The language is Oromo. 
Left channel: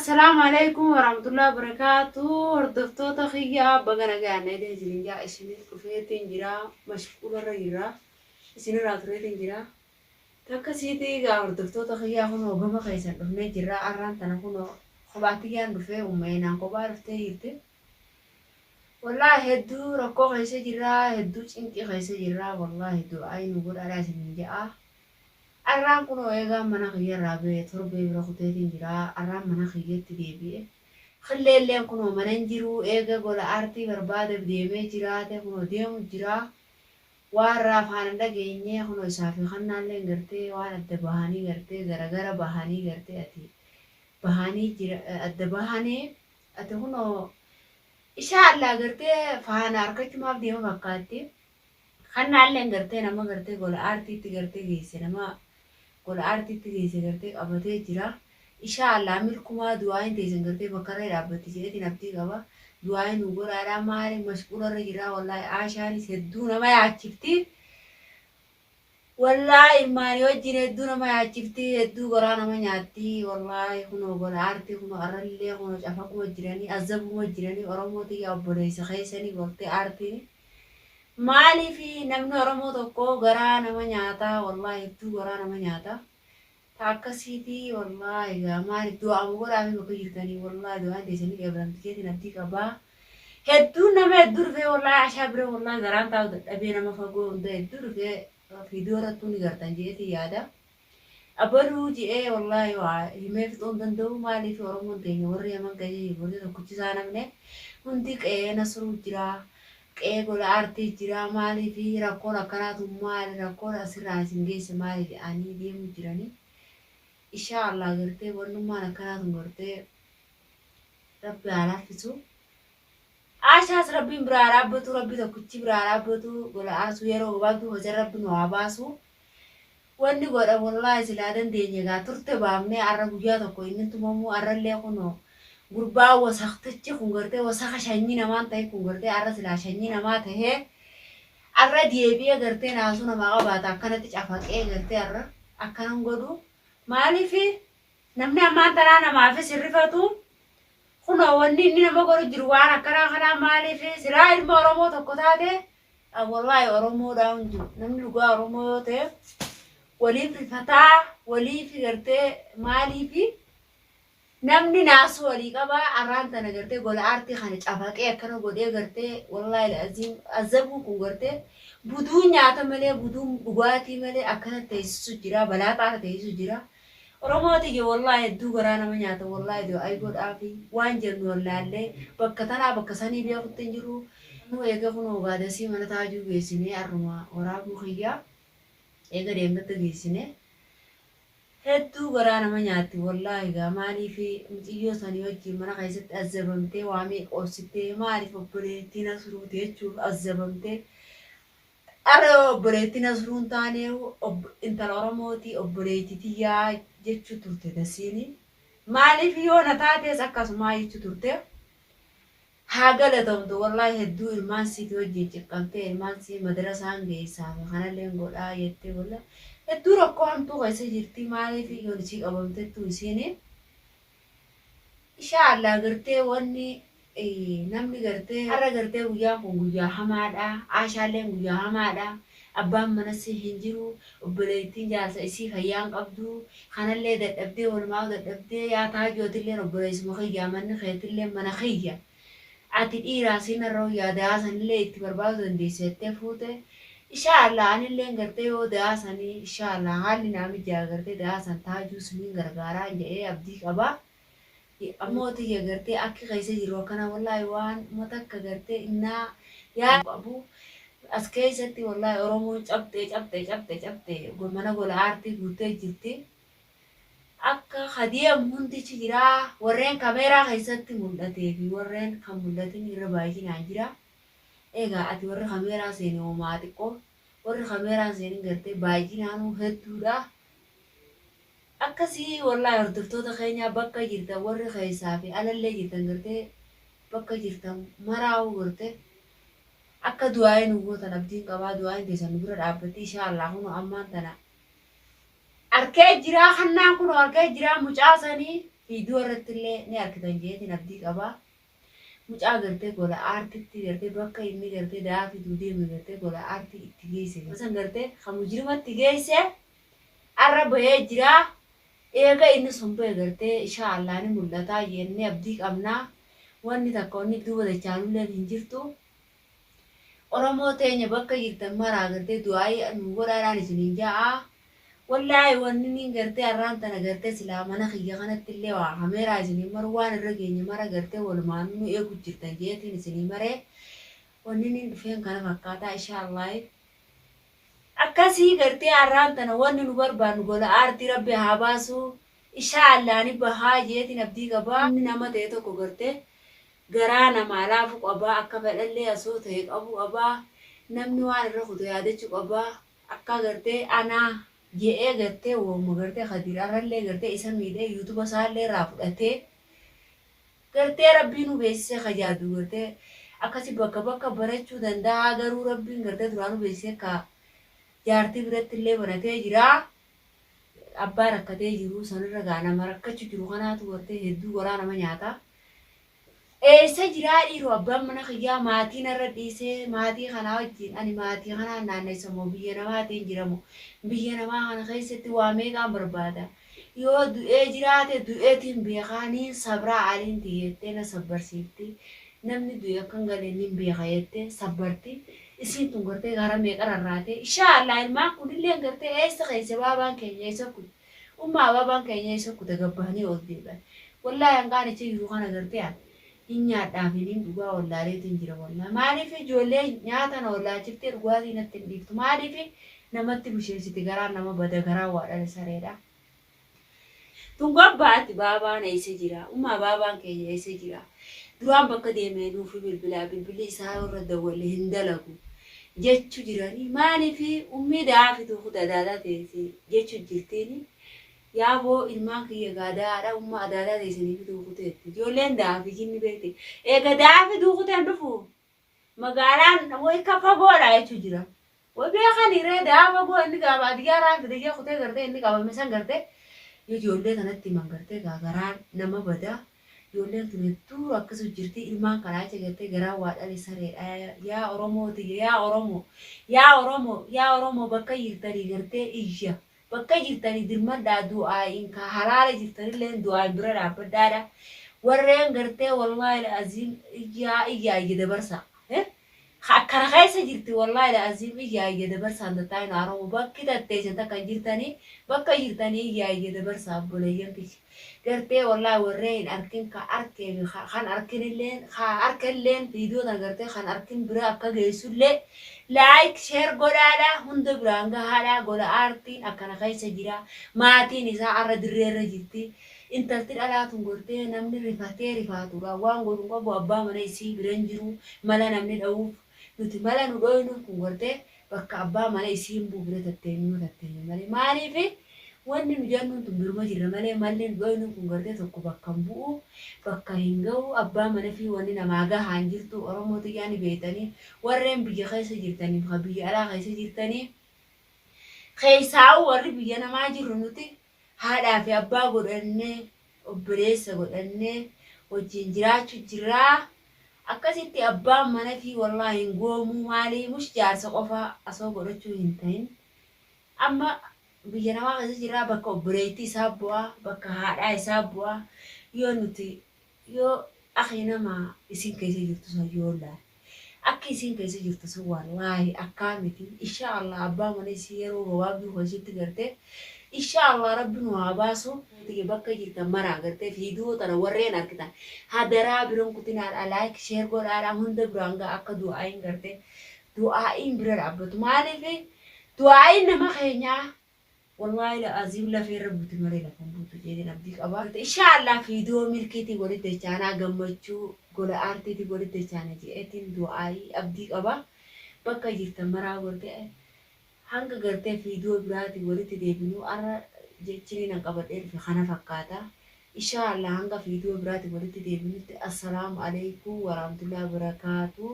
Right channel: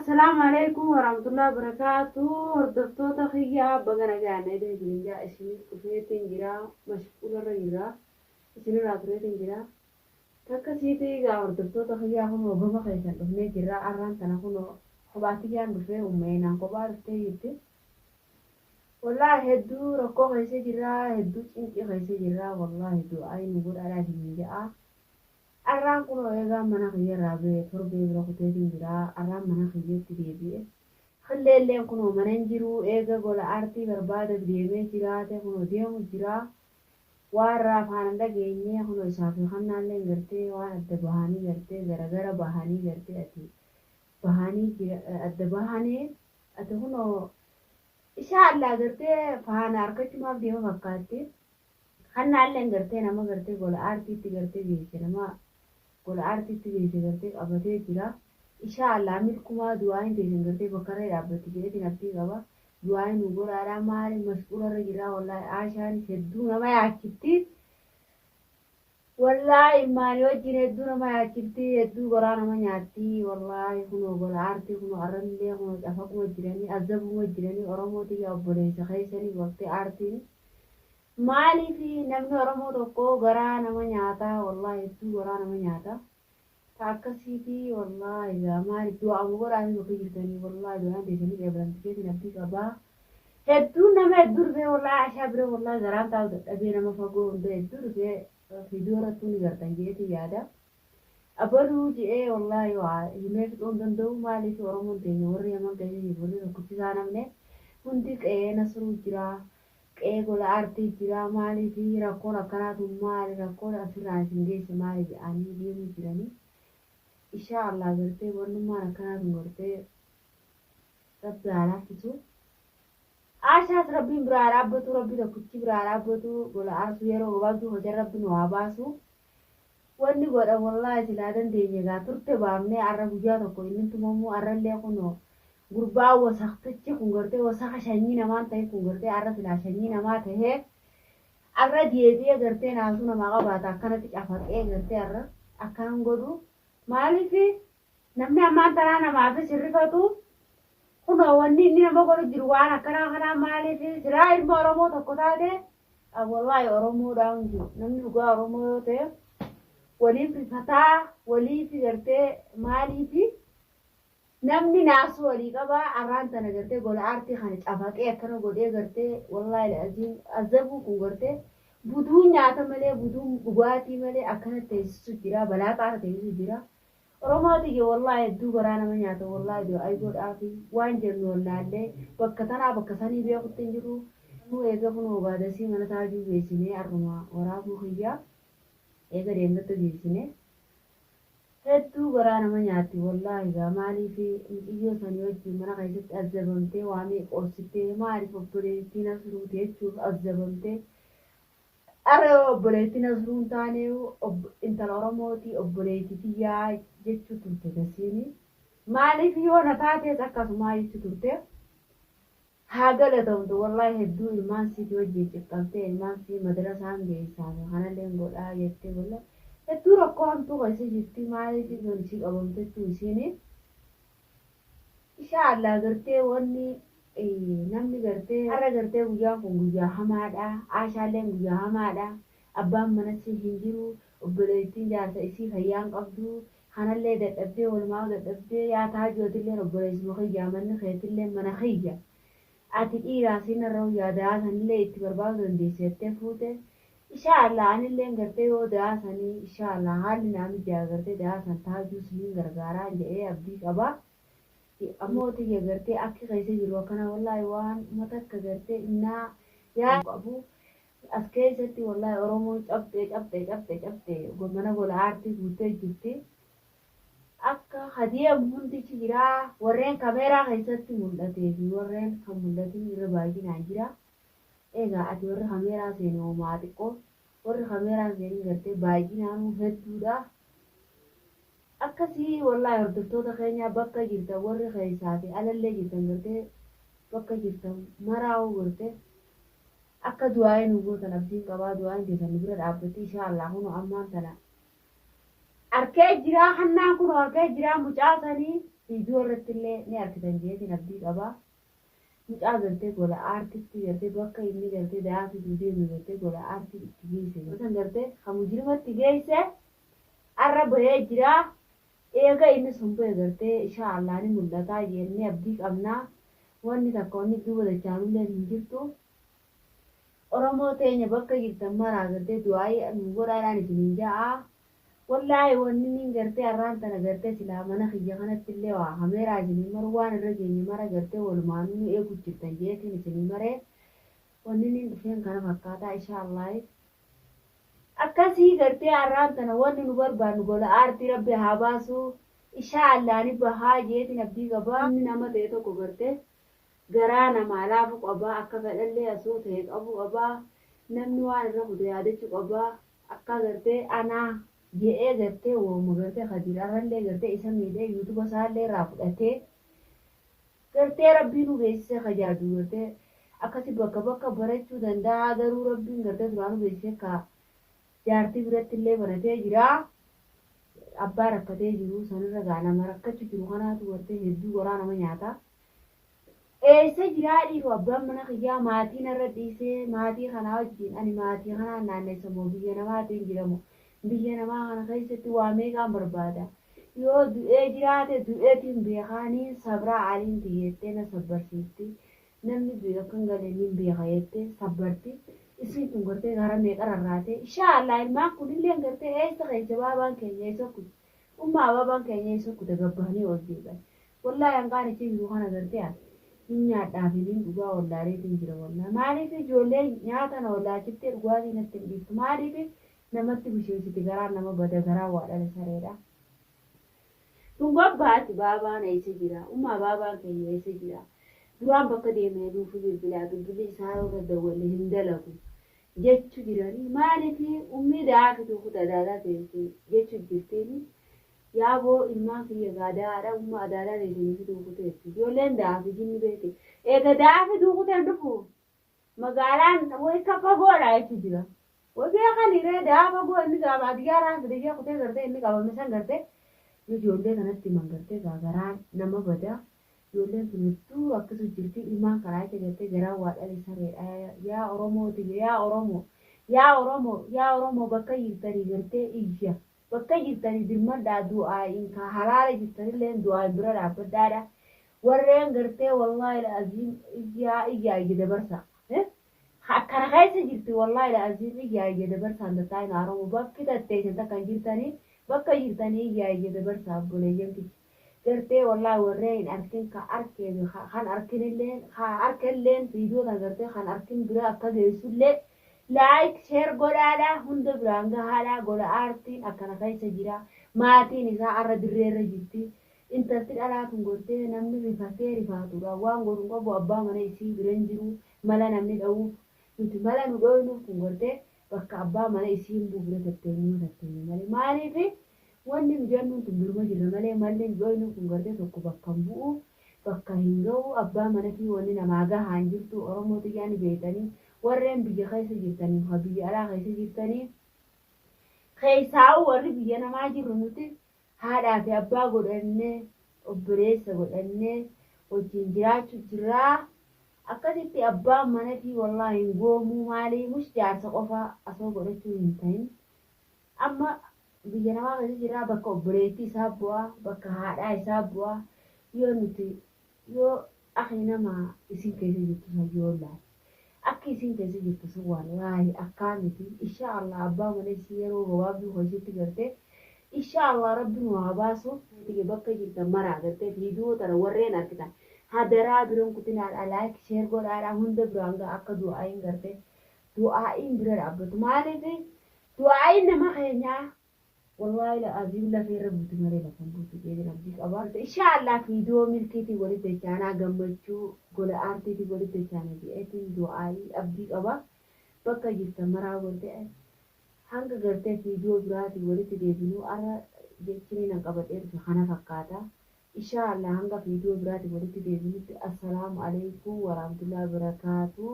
السلام عليكم ورحمة الله وبركاته. هردفتو تخيا بغنا غانا ده جرينجا اسمي كفيتين جرا مشغول الرجرا اسمي راتريتين جرا تكسيتي غا هردفتو تخيا هون وغما خيسان دفني جرا أران تنكونو خباتيان دفه ومينا كبار فتيرتي والله هدو ركو خيسة جرا هدو چنكي خيسة جرا والله هدو أي نقول على سنين جاء arraan kun eegaa mana kiyya irraa ba'e torbee bira kuteetiin jira. Arraan mana kiyyatti deebi'e. Qilleelleen kun mana hin jiru eega gola aartii barbaadeef deemee jiraate kun deemu jira. Waan raafaan dhageenyee kun isaa fi kannaallee gartee waan adda bahanii gartee garagara bahanii gartee ati bahanii jira adda bahanii ati kun ishaa allaa gartee faana harkachumaaf deema fakkaatti. Kannaallee gartee nama gartee gola aartiitti gartee geesse nama gola aartiitti geesse gartee qabatee jira. Inshaallah milkumaa du'aayin teessan gartee bakka irra dhaabbatti jedhetiin abdii qaba. Du'aayin nu godhaadhaa maali mashquula irra jira wallaahi aashaanis hedduu nama yaachifti. Wallaahi ilmaanii wajjin hedduu nama yaachifti hedduu goraa nama nyaatti wallaahi kunoo gola aartii kunoo arrallee kunoo cafaquma jiranii azabuma jiranii Oromootii obboleessa keessanii gortee aartiin. Maaliif namni Oromoo tokko garaa nama nyaataa wallahi hedduu garaa nama nyaataa akkasiiti wallahi egaa maaliif du'aamu godhaame bakka jirtanii wallahi du'aan teessanii qeebalamtikeetiin abdii qabaa hedduu nama hedduu dhufee wallahi ashaa bira wallahi garaan taa'u dadhabee nama fagoo hunda hedduu dhufee fiidiyoo irrattuu ni gartan jeetii yaada abaluu je'ee wallahi waa himee fixuu hin danda'u maaliif Oromoon teenya warri haman gahee jirti tokkichisaa namne hundi qe'ee nasruu jiraa. Qe'ee gola aartii jira maaliif rakkoon akkanaatu maali rakkoon asirraa isin geesse maali jedhanii deemuu jiranii. Inshaallah gartee wannummaan akkanaatu gartee rabbi haa laaffisu. Aashaas rabbiin biraa dhaabbatu rabbi tokkichi biraa dhaabbatu gola aarsu yeroo gabaabduu hojii rabbi nu haa baasu. Wanni godha wallaahi silaa dandeenye gaa turte baafnee arra guyyaa tokko inni tumamuu arrallee kunoo. Gurbaa wasaqtichi kun gartee wasaqa shanyii namaan ta'e kun gartee arra silaa shanyii namaa ta'ee arra deebi'ee gartee naasuu namaa qabaata akkanatti cafaqee gartee arra akkanan godhu maaliif namni ammaan tanaa namaafis hirrifatu kunoo wanni inni nama godhu jiru waan akkanaa kanaa maaliif silaa ilma Oromoo tokko taate wallaahi Oromoodhaan jiru namni dhugaa Oromoo yoo ta'e waliif rifataa waliif gartee maaliif namni naasu walii qabaa arraan tana gartee gola aartii kana cafaqee akkana godhee gartee wallaahi azabuu kun gartee buduu nyaata malee buduu dhugaatii malee akkana teessisu jira balaa xaara teessisu jira. Oromootii wallaahi hedduu garaa nama nyaata wallaahi doo ay godhaafi waan jennu wallaallee bakka tanaa bakka sanii beekutti hin jiru. Nu eega kun ogaadasii mana taajuu geessinee arruma waraabuu kiyyaa eega deematti geessinee. Hedduu garaa nama nyaatti wallaahi gaa maaliif muciyyoo sanii wajjin mana keessatti azabamtee waamee qoobsitee maaliif obboleettii nasruuti jechuuf azabamtee arra obboleettii nasruun taanee intala Oromootii obboleettii tiyyaa jechuu turte dasiini maaliif yoo na taatees akkasumaa jechuu turte haa galatamtu wallaahi hedduu ilmaan siiti wajjin ciqqabtee ilmaan sii madrasaan geessaa kanallee godhaa jettee wallaahi. Hedduu rakkoo hamtuu keessa jirti maaliif yoon isii qabamtettu isiin inshaallah gartee wanni namni gartee har'a gartee guyyaan kun guyyaa hamaadha aashaalleen guyyaa hamaadha abbaan manas hin jiru obboleettiin jaarsa isii fayyaan qabdu kanallee dadhabdee walumaa dadhabdee yaa taajootilleen obboleessuma kiyyaa manni keetillee mana kiyya ati dhiiraa sinarra yaada sanillee itti barbaadu dandeessettee fuute. Inshaallah anillee gartee yoo daasanii inshaallah haalli naami jaa gartee daasan taajuu suniin gargaaraa jedhee abdii qaba. Ammoo tiyya gartee akki keessa jiru akkana wallaahi waan matakka gartee innaa yaa qabu as keessatti wallaahi Oromoon cabxee mana gola aartii guutee jirti. Akka hadiyaam hundichi jiraa warreen kameeraa keessatti mul'atee fi warreen kan mul'atin irra baay'inaan jira. Egaa ati warri kameeraa seenee homaa xiqqoo warri kameeraa seenee gartee baay'inaanuu hedduudha. Akkasii wallaahi hordoftoota keenya bakka jirtan warri keessaa fi alallee jirtan gartee bakka jirtan maraa'uu gartee akka du'aayin gootan abdiin qabaa du'aayin teessan bira dhaabbatti inshaallah kun ammaan tana arkee jiraa kannaan kun arkee jiraa mucaasanii فيديو رتلي نأكدن جيت نبدي أبا مش أقدر ولا أرتي تقدر بقى إني قدرت دافي دودي من قدرت ولا أرتي تجيسه مثلا قدرت خمجرمة تجيسه عرب يجرا إيجا إنه سنبه قدرت إن شاء الله نملتا يني أبديك أمنا واني تكوني دوبا دچانو لين هنجرتو Oromoo teenya bakka jirtan maraa gartee du'aayii anu godhaadhaan isiniin ja'a. Wallaahi wanni niin gartee arraan tana gartee silaa mana kiyya kanatti illee waa hameeraa isiniin maru waan irra geenye mara gartee walumaanuu nu eegu jirtan jeetiin isinii maree wanni niin dhufeen kana fakkaataa inshaallah. Akkasii gartee arraan tana wanni nu barbaannu gola aartii rabbi haa baasu inshaallah ni bahaa jeetiin abdii qabaa. Inni nama ta'e tokko gartee garaa namaa laafu qabaa akka fedhallee asoo ta'e qabu qabaa namni waan irra kutu yaadachuu qabaa akka gartee anaa je'ee gartee wooma gartee Khadiirarrallee gartee isa miidhee yuutuuba isaallee irraa fudhatee gartee rabbiin nu beeksisee kajaadu gartee akkasi bakka bakka barachuu danda'a garuu rabbiin gartee duraan nu beeksisee ka jaartii biratti illee banatee jira abbaa rakkatee jiru sanirra gaa nama rakkachuu jiru kanaatu gartee hedduu goraa nama nyaata. Eessa jiraa dhiiroo abbaan mana kiyyaa maatiin irra dhiisee maatii kanaa wajjin ani maatii kanaan naanneessa moo biyya namaatiin jiramu biyya namaa kana keessatti waa meeqaan barbaada yoo du'ee jiraate du'eetiin beekaanii sabraa aliin tiyyettee na sabbarsiifti namni du'e akkan galeenniin beeka jettee sabbarti isiin tun gartee gara meeqa rarraate inshaallah ilmaan kunillee gartee eessa keessa baabaan keenya eessa kutu ummaa baabaan keenya eessa kuta gabbahanii ol deeban wallaahi hanqaan ichi jiru kana gartee nyaadhaafiniin dhugaa wallaalee jira wallaa maaliif ijoollee nyaatan wallaachiftee dhugaatii natti hin dhiiftu maaliif namatti busheessiti garaan nama bada garaa waadhale sareedha. Tun gobbaatti baabaan eessa jira ummaa baabaan keenya eessa jira duraan bakka deemee nuufi bilbilli isaa irra dawwalee hin dalagu jechu jiranii maaliif ummii daafitu kudadaadaa teessee jechu jirtiini. Yaaboo ilmaan kiyya gaadaadha umma adaadaa teessanii fi duukuteetti ijoolleen daafi jinni beekte eega daafi duukuteen dhufu magaalaan way kafa goodha jechuu jira way beekaniree daafa goo inni qaba adiyaaraa fidee kutee gartee inni qabame san gartee ijoollee kanatti himan gartee garaa nama bada ijoolleen tun hedduu akkasuma jirti ilmaan kanaa jecha gartee garaa waadhale sareedha yaa Oromooti yaa Oromoo bakka jirtanii gartee iyya. Bakka jirtanii dirmadhaa du'aayin ka halaala jirtanillee du'aayin bira dhaabbadhaadha. Warreen gartee wallaahi la'aziim iyyaa dabarsa. Akkana keessa jirti wallaahi la'aziim iyyaa dabarsa handataa hin Oromoo bakki tatteessan takkan jirtanii bakka jirtanii iyyaa dabarsa abboleeyyan kiyya. Gartee wallaahi warreen hin arkin ka arkee kan arkinilleen viidiyoo tan gartee kan arkin bira akka geessullee like share godhaadha hunda biraan gahaadha gola aartiin akkana keessa jira maatiin isaa arra dirreerra jirti intalti dhalaatun gortee namni rifatee rifaatudha waan godhun qabu abbaa mana isii biran jiru mala namni dha'uuf nuti mala nu dhoynuuf kun gortee bakka abbaa mana isiin buufne tatteenyu malee maaliif wanni nu jennuun tun birma jirra malee malli nu dhoynuuf kun gortee tokko bakka hin bu'u bakka hin ga'u abbaa mana fi wanni namaa gahaan jirtu Oromoo xiyyaani beetanii warreen biyya keessa jirtanii fi biyya alaa keessa jirtanii keessaa'u warri biyya namaa jirru nuti haadhaa fi abbaa godhannee obboleessa godhannee wajjin jiraachuu jirraa akkasitti abbaan mana fi wallaahi hin goomuu maalii mush jaarsa qofa asoo godhachuu hin ta'in amma biyya namaa keessa jirraa bakka obboleettii isaa bu'aa bakka haadhaa isaa bu'aa yoo nuti yoo akhi nama isin keessa jirtu sun yoo laal akka isin keessa jirtu sun wallaahi akkaa miti inshaallah abbaa mana isii yeroo gabaabduu hojiitti gartee inshaallah rabbi nu haa baasu bakka jirtan maraa gartee viidiyoo tana warreen argitan hadaraa biroon kutinaadha like share godhaadha hunda biraan gaa akka du'aayin gartee du'aayin bira dhaabbatu maaliif du'aayin nama keenyaa والله لا أزيم لا في ربوتي مري لكم بوتو جيدين أبديك أبارت إن شاء الله في دو ملكتي ولد تجانا قمتشو قول آرتي تي ولد تجانا جيتين دعائي أبديك أبا بكا جيرتا مرا ورده هنگا گرته في دو براتي ولد تديبنو أرى جيتشيني نقبت في خانا فقاتا إن شاء الله هنگا في دو براتي ولد تديبنو السلام عليكم ورحمة الله وبركاته